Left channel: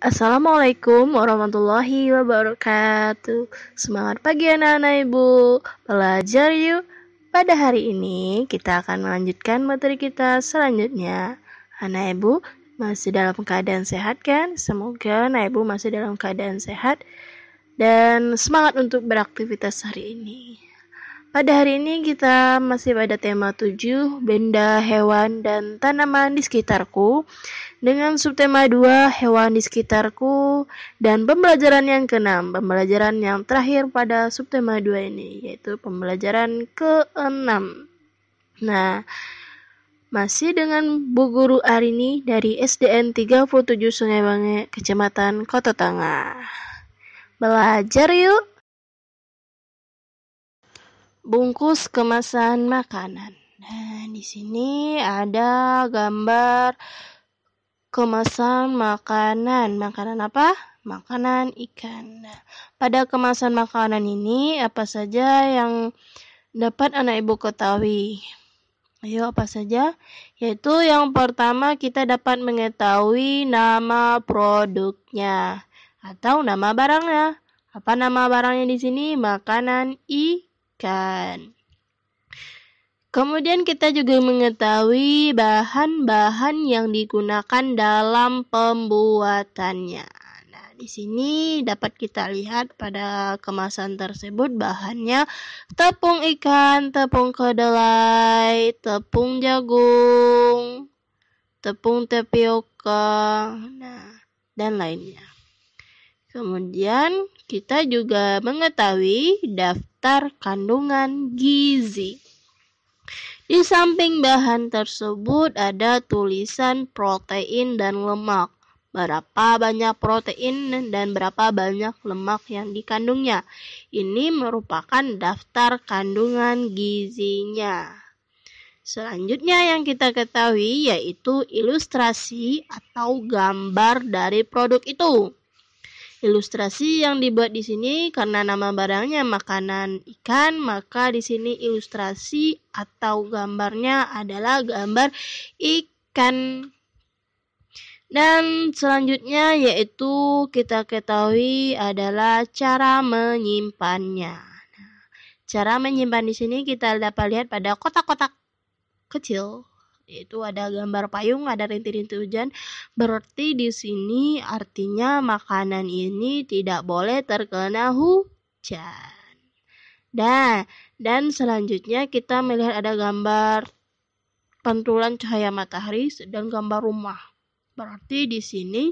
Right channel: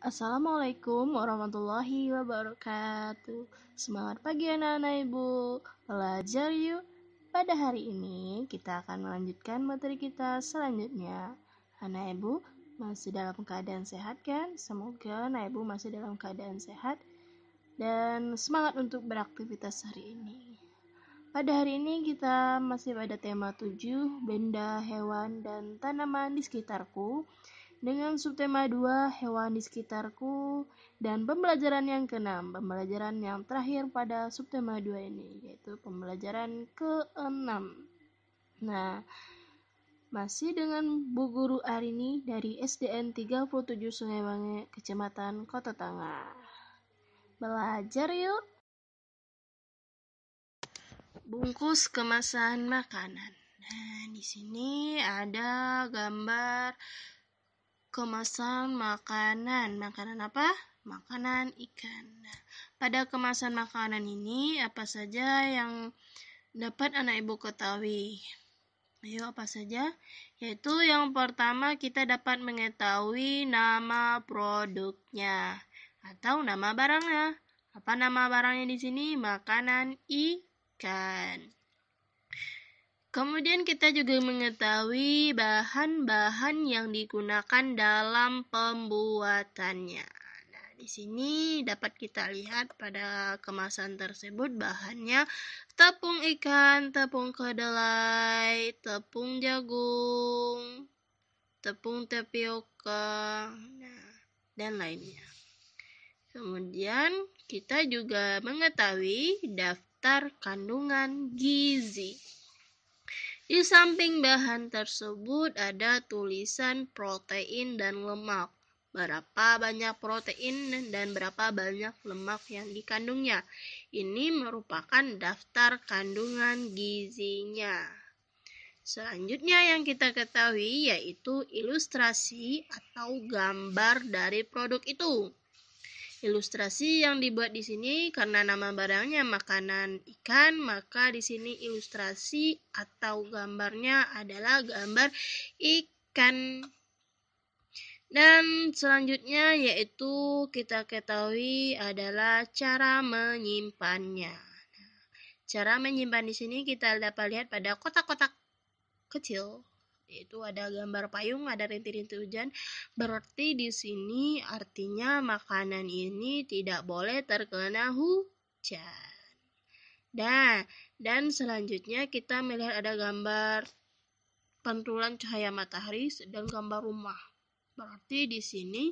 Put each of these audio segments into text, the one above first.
Assalamualaikum warahmatullahi wabarakatuh. Semangat pagi anak-anak ibu. Belajar yuk. Pada hari ini kita akan melanjutkan materi kita selanjutnya. Anak ibu masih dalam keadaan sehat kan? Semoga anak ibu masih dalam keadaan sehat dan semangat untuk beraktivitas hari ini. Pada hari ini kita masih pada tema 7, benda, hewan, dan tanaman di sekitarku, dengan subtema 2, hewan di sekitarku, dan pembelajaran yang ke-6, pembelajaran yang terakhir pada subtema 2 ini, yaitu pembelajaran ke-6. Nah, masih dengan Bu Guru Arini dari SDN 37 Sungai Bange, Kecamatan Kota Tengah. Belajar yuk! Bungkus kemasan makanan. Nah, di sini ada gambar kemasan makanan. Makanan apa? Makanan ikan. Nah, pada kemasan makanan ini apa saja yang dapat anak ibu ketahui? Ayo, apa saja? Yaitu yang pertama kita dapat mengetahui nama produknya atau nama barangnya. Apa nama barangnya di sini? Makanan ikan. Kemudian kita juga mengetahui bahan-bahan yang digunakan dalam pembuatannya. Nah, di sini dapat kita lihat pada kemasan tersebut bahannya tepung ikan, tepung kedelai, tepung jagung, tepung tapioka, dan lainnya. Kemudian kita juga mengetahui daftar kandungan gizi. Di samping bahan tersebut ada tulisan protein dan lemak. Berapa banyak protein dan berapa banyak lemak yang dikandungnya. Ini merupakan daftar kandungan gizinya. Selanjutnya yang kita ketahui yaitu ilustrasi atau gambar dari produk itu. Ilustrasi yang dibuat di sini karena nama barangnya makanan ikan, maka di sini ilustrasi atau gambarnya adalah gambar ikan. Dan selanjutnya yaitu kita ketahui adalah cara menyimpannya. Nah, cara menyimpan di sini kita dapat lihat pada kotak-kotak kecil. Yaitu ada gambar payung, ada rintik-rintik hujan. Berarti di sini artinya makanan ini tidak boleh terkena hujan. Nah, dan selanjutnya kita melihat ada gambar pantulan cahaya matahari dan gambar rumah. Berarti di sini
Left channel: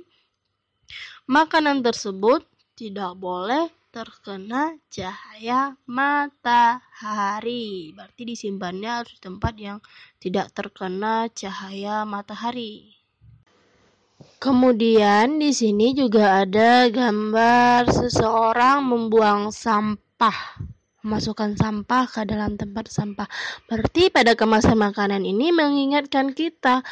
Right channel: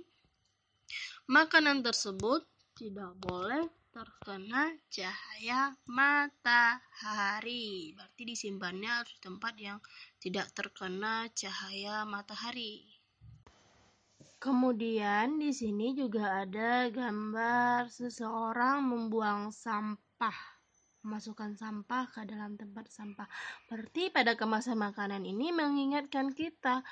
makanan tersebut tidak boleh terkena cahaya matahari. Berarti disimpannya harus di tempat yang tidak terkena cahaya matahari. Kemudian di sini juga ada gambar seseorang membuang sampah, memasukkan sampah ke dalam tempat sampah. Berarti pada kemasan makanan ini mengingatkan kita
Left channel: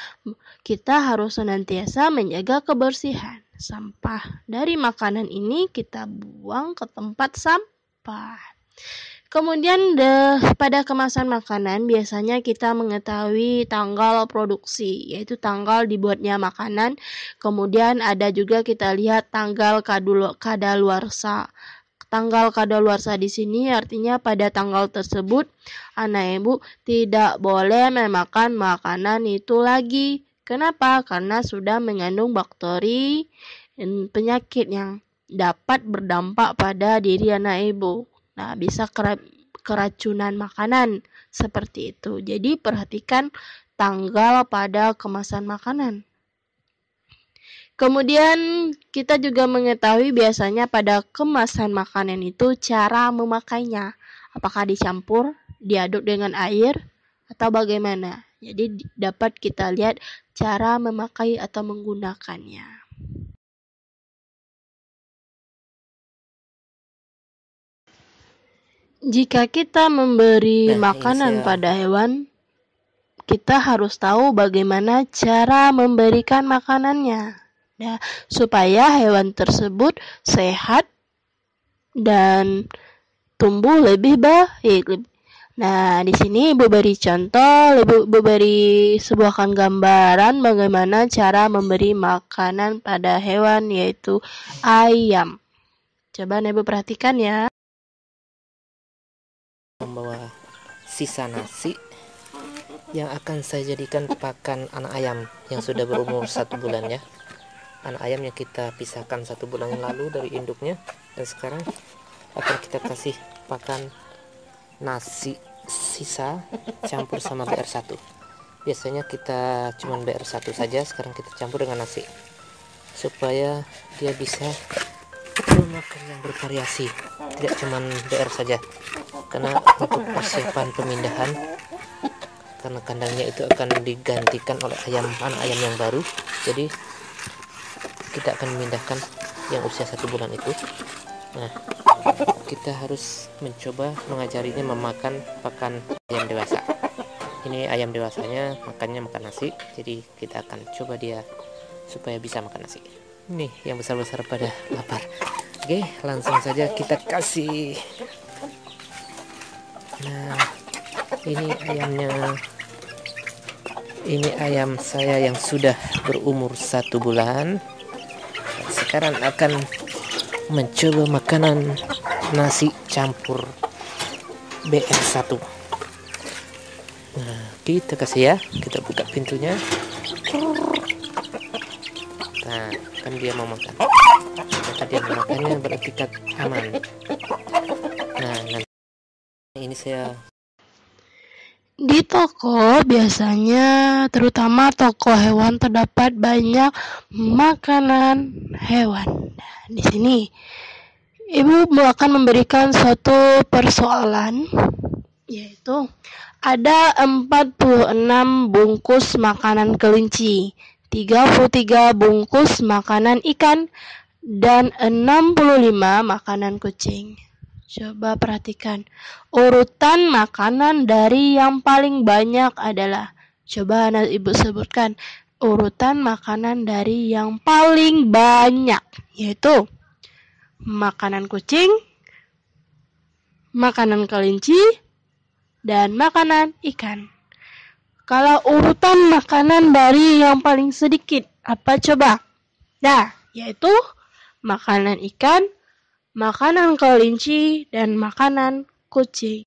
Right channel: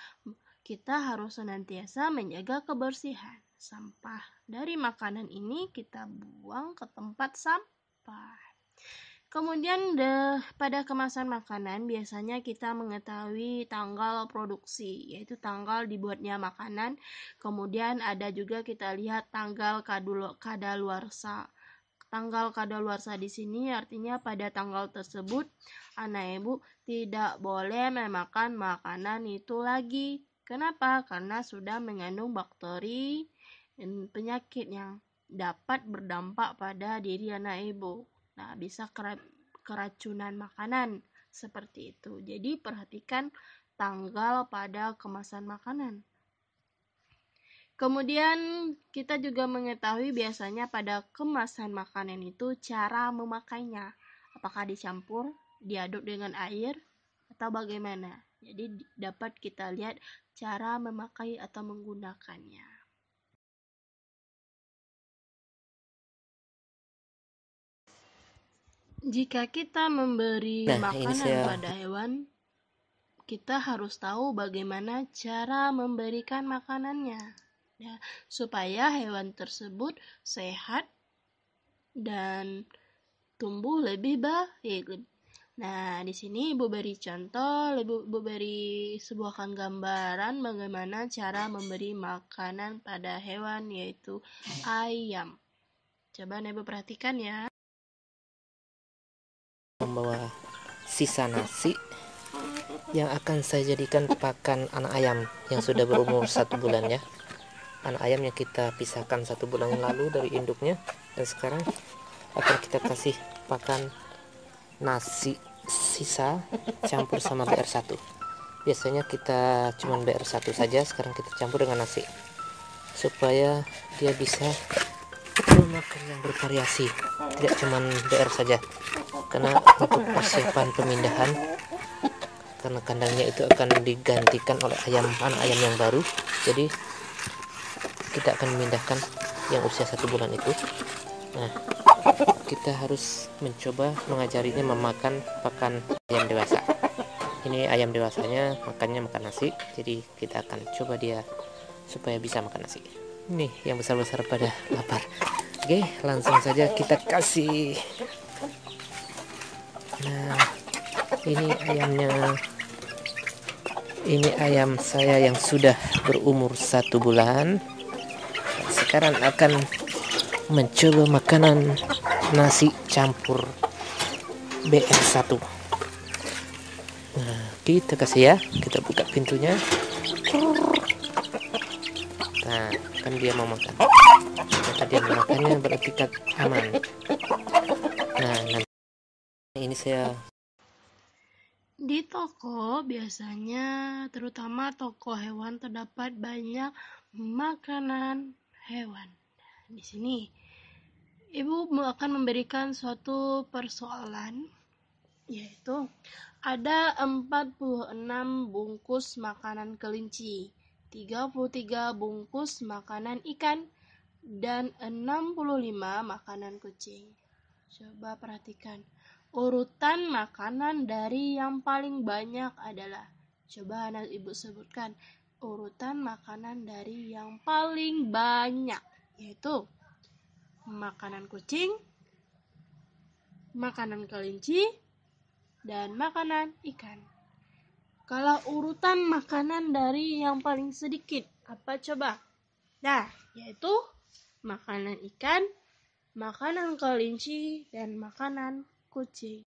harus senantiasa menjaga kebersihan. Sampah dari makanan ini kita buang ke tempat sampah. Kemudian pada kemasan makanan biasanya kita mengetahui tanggal produksi, yaitu tanggal dibuatnya makanan. Kemudian ada juga kita lihat tanggal kadaluarsa. Tanggal kadaluarsa di sini artinya pada tanggal tersebut anak ibu tidak boleh memakan makanan itu lagi. Kenapa? Karena sudah mengandung bakteri dan penyakit yang dapat berdampak pada diri anak ibu. Nah, bisa keracunan makanan seperti itu. Jadi perhatikan tanggal pada kemasan makanan. Kemudian kita juga mengetahui biasanya pada kemasan makanan itu cara memakainya. Apakah dicampur, diaduk dengan air, atau bagaimana? Jadi dapat kita lihat cara memakai atau menggunakannya. Jika kita memberi makanan pada hewan, kita harus tahu bagaimana cara memberikan makanannya. Nah, supaya hewan tersebut sehat dan tumbuh lebih baik. Nah, di sini Ibu beri contoh, Ibu beri sebuahkan gambaran bagaimana cara memberi makanan pada hewan, yaitu ayam. Coba Ibu perhatikan ya. Membawa sisa nasi yang akan saya jadikan pakan anak ayam yang sudah berumur 1 bulan ya. Anak ayam yang kita pisahkan 1 bulan yang lalu dari induknya, dan sekarang akan kita kasih pakan nasi sisa campur sama BR1. Biasanya kita cuman BR1 saja, sekarang kita campur dengan nasi supaya dia bisa makan yang bervariasi, tidak cuman BR saja. Karena untuk persiapan pemindahan, karena kandangnya itu akan digantikan oleh anak ayam yang baru, jadi kita akan memindahkan yang usia 1 bulan itu. Nah, kita harus mencoba mengajarinya memakan pakan ayam dewasa. Ini ayam dewasanya makannya makan nasi, jadi kita akan coba dia supaya bisa makan nasi. Nih yang besar-besar pada lapar. Oke, langsung saja kita kasih. Nah, ini ayamnya. Ini ayam saya yang sudah berumur 1 bulan. Sekarang akan mencoba makanan nasi campur BR1. Nah, kita kasih ya, kita buka pintunya. Nah, kan dia mau makan. Jika dia mau makannya berarti aman. Nah, nanti ini saya Di toko biasanya, terutama toko hewan, terdapat banyak makanan hewan. Nah, di sini Ibu akan memberikan suatu persoalan, yaitu ada 46 bungkus makanan kelinci, 33 bungkus makanan ikan, dan 65 makanan kucing. Coba perhatikan, urutan makanan dari yang paling banyak adalah, coba Ibu sebutkan, urutan makanan dari yang paling banyak, yaitu makanan kucing, makanan kelinci, dan makanan ikan. Kalau urutan makanan dari yang paling sedikit, apa coba? Nah, yaitu makanan ikan, makanan kelinci, dan makanan kucing.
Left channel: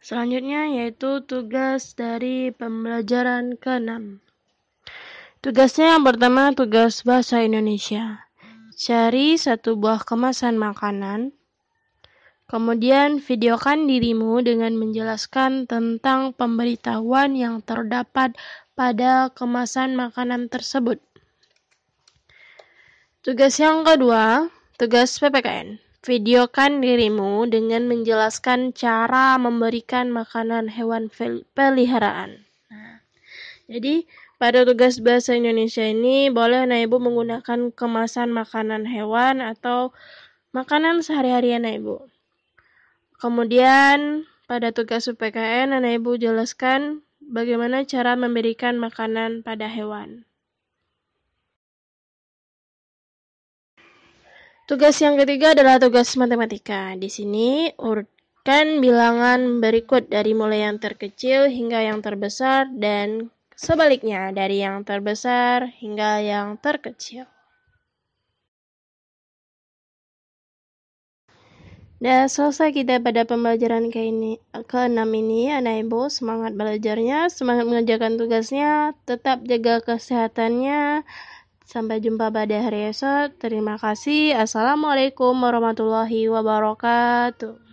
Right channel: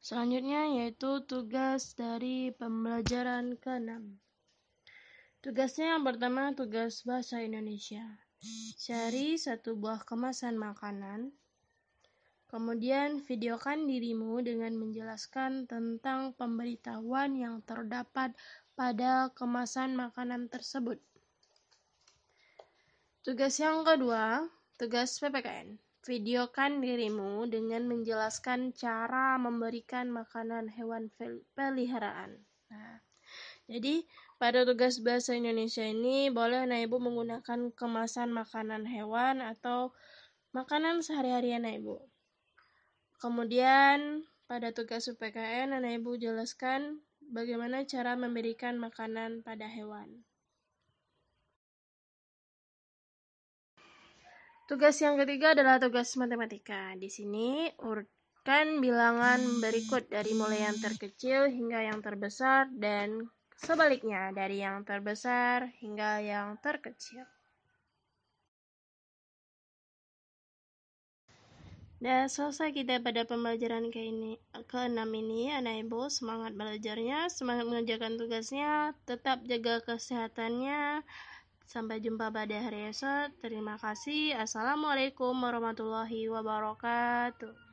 Selanjutnya yaitu tugas dari pembelajaran ke-6. Tugasnya yang pertama, tugas bahasa Indonesia. Cari satu buah kemasan makanan, kemudian videokan dirimu dengan menjelaskan tentang pemberitahuan yang terdapat pada kemasan makanan tersebut. Tugas yang kedua, tugas PPKN. Videokan dirimu dengan menjelaskan cara memberikan makanan hewan peliharaan. Nah, jadi pada tugas bahasa Indonesia ini boleh Ibu menggunakan kemasan makanan hewan atau makanan sehari-hari Ibu. Kemudian pada tugas PPKN Ibu jelaskan bagaimana cara memberikan makanan pada hewan. Tugas yang ketiga adalah tugas matematika. Di sini urutkan bilangan berikut dari mulai yang terkecil hingga yang terbesar dan sebaliknya dari yang terbesar hingga yang terkecil. Dan selesai kita pada pembelajaran ke-6 ini, anak ibu semangat belajarnya, semangat mengerjakan tugasnya, tetap jaga kesehatannya. Sampai jumpa pada hari esok. Terima kasih. Assalamualaikum warahmatullahi wabarakatuh.